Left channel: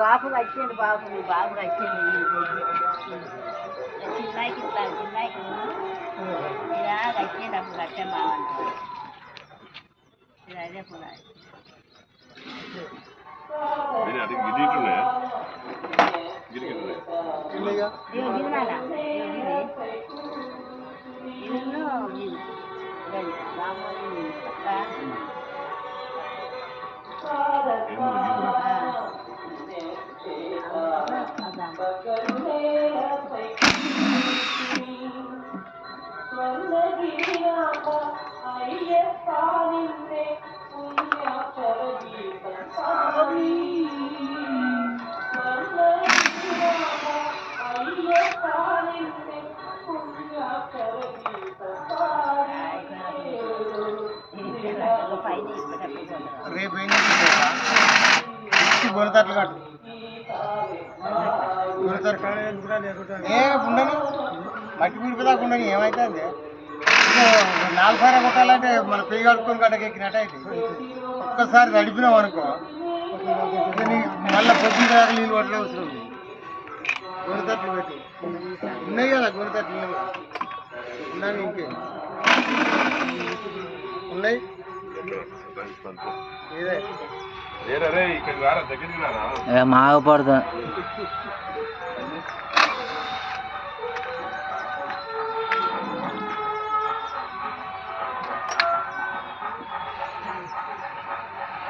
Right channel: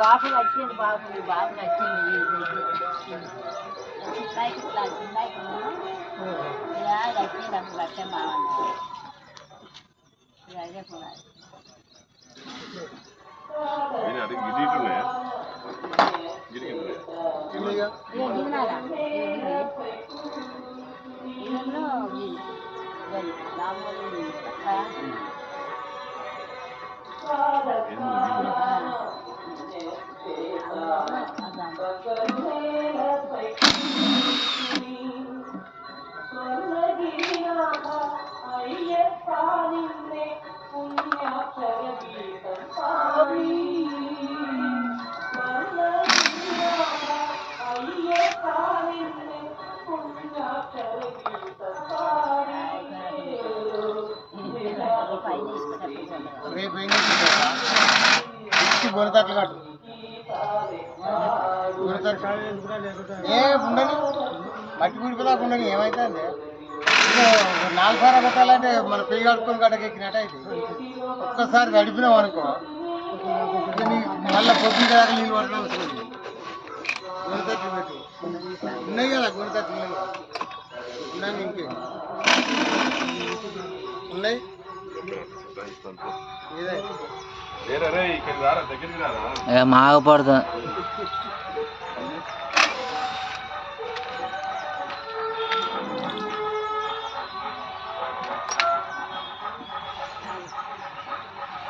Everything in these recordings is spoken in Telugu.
బాబు వచ్చింది బాబు బాబు వచ్చింది చిన్నాయికి ఇట్లా చిన్నాయికి ఇలా వచ్చింది అప్పుడు లక్ష్యం బాగుంటుంది అదే కూడా గిరినాలా ఇదನ್ನು రామోజీ రేపు ఏం చేసి గొడతట్లు కట్టు ఏ ఉండని మట్టి గుడిపోదాకా ఉండని ఏమైతుంది 4 సార్లు కొట్టాలంటే మన పెయ్యి కడుక్కొని గడ్డకెక్కినట్టు అయితే ఒక్కసారి నడిపినాం అనుకో మళ్ళీ పొద్దున దాకా నీళ్ళు పట్టడం అవసరం ఉంది. గొడతట్లు పెట్టు ఉన్నాయి కదా గొడతట్లు ఉన్నాయి ఉన్నాయి ఇంకే ఉన్నాయి మాగపడతా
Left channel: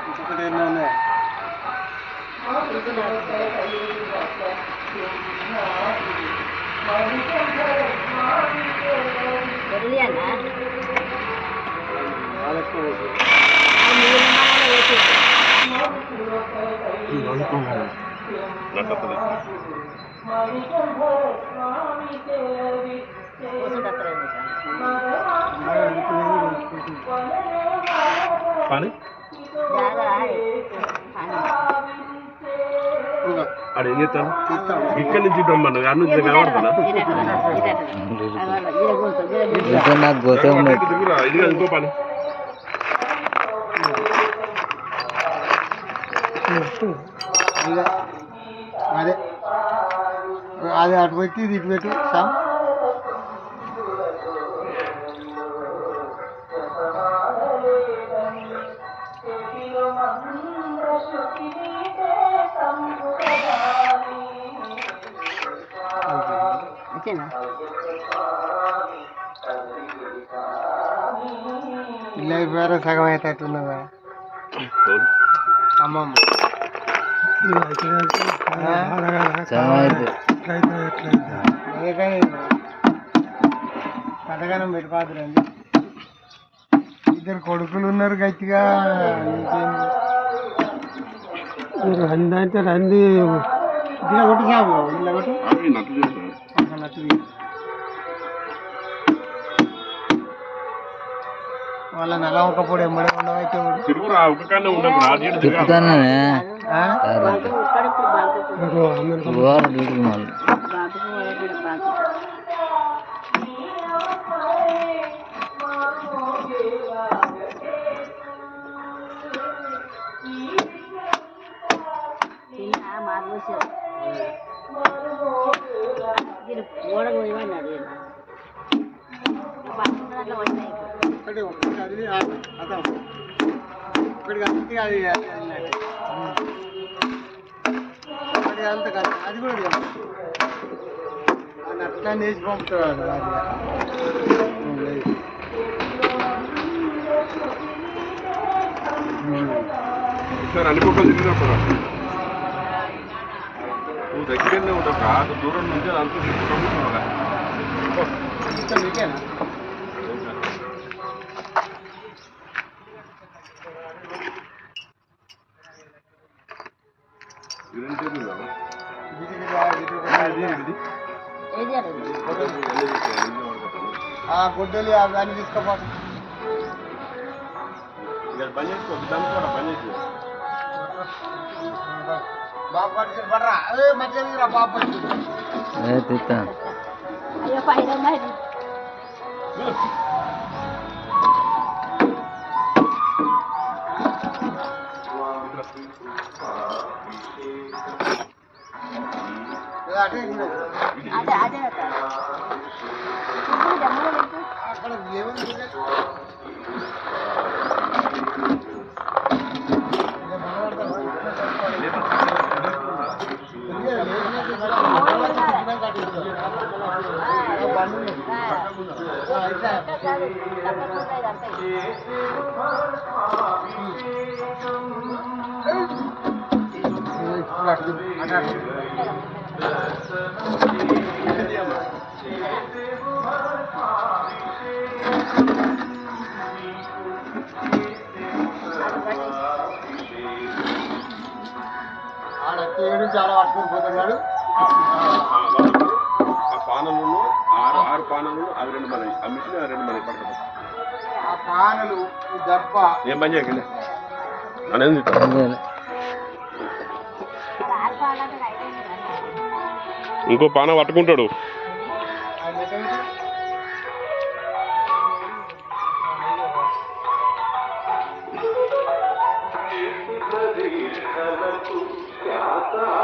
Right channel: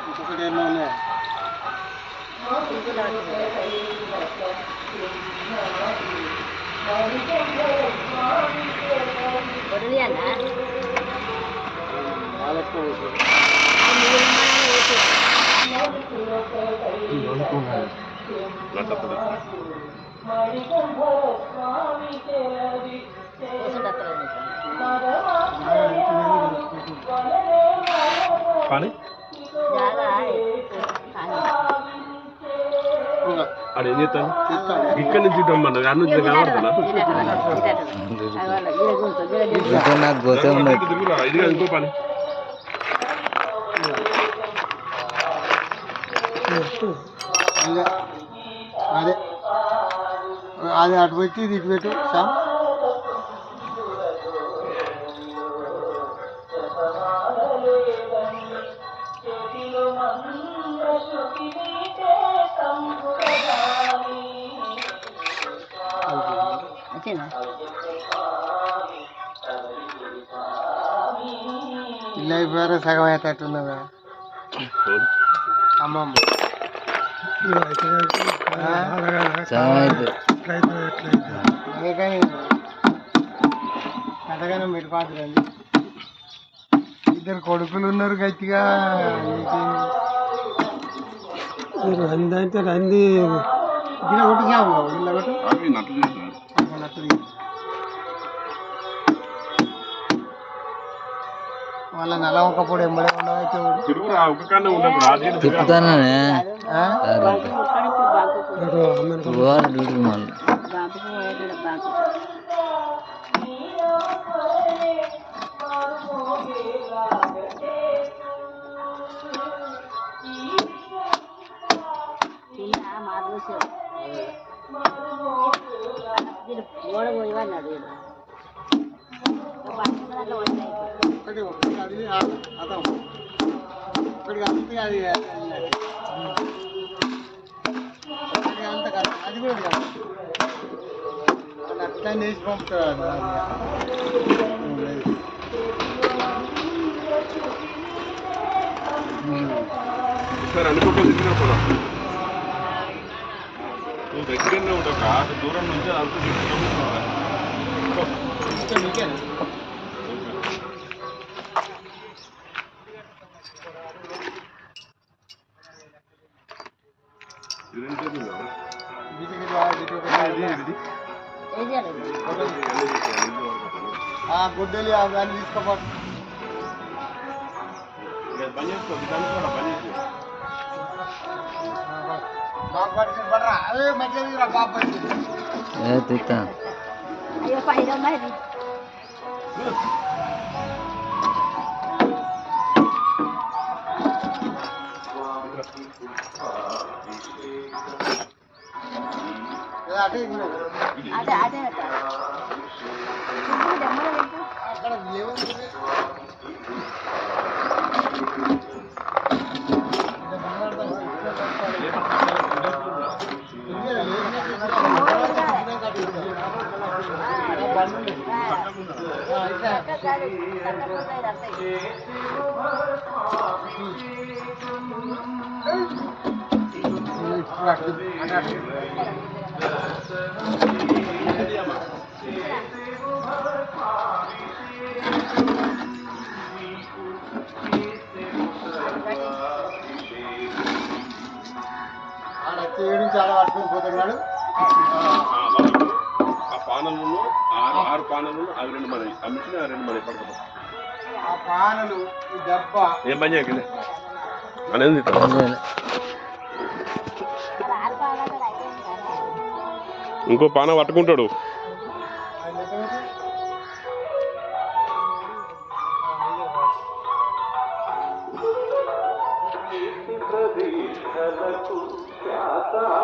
ఇంకొకటి ఏమో ఉన్నాయి అడు ఏం చేస్తాను ఇక్కడి నుంచి రమ్మన్నది అన్న నుంచి కనబడుతున్నా నాకు గోసే ఉన్నది ఇది ఇంకో పని అదే అది అటు పెట్టి ఇది ఇటు పెట్టు సార్ ఇలా వేరే సగం అవుతున్నదా అమ్మమ్మ కథగానం పెట్టుకోవద్దండి ఇద్దరు కొడుకులు ఉన్నారు గట్టిగా రంది అంటే రంది ఇలా కొట్టి సాగు ఇలా కొట్టు నట్టు వాళ్ళ నెల ఒకప్పుడు ఎంబడే ఉండవైతే తిప్పుతానే డ్యూటీకి మళ్ళీ ఒకటి అది అర్థం ఒకటి కలిపి అది అంత కాదు అది కూడా కాదు అట్లా నేసి పంపుతాడు సార్ అన్ని పక్కలు తిరిగినప్పుడు నువ్వు దగ్గరనే ఉండవు కాదు దూరం నుంచి అంత తీసుకుంటా గుడ్డలు అవన్నీ తీసుకోపోతుంది పని చేసుకో కూడా పని చేసుకో బాబు పట్టుకుని పడరా అదే మంచిగా బాబు పట్టుకుని ఏ తిత్తా అయ్యో పైన ఉన్నది అటే అదే అదే అక్కడ ఏముంది ఆడ చాలా పట్టుకొని పోతున్నాడు ఆ పానలు ఆరు పానలు అవి 2 మన ఆ మిషన్ 2 మన పడతాం ఆ పానలు ఈ దెబ్బ ఏం పని చేయకండి అనేది ఇంకో పాన పట్టుకుంటాడు ఆ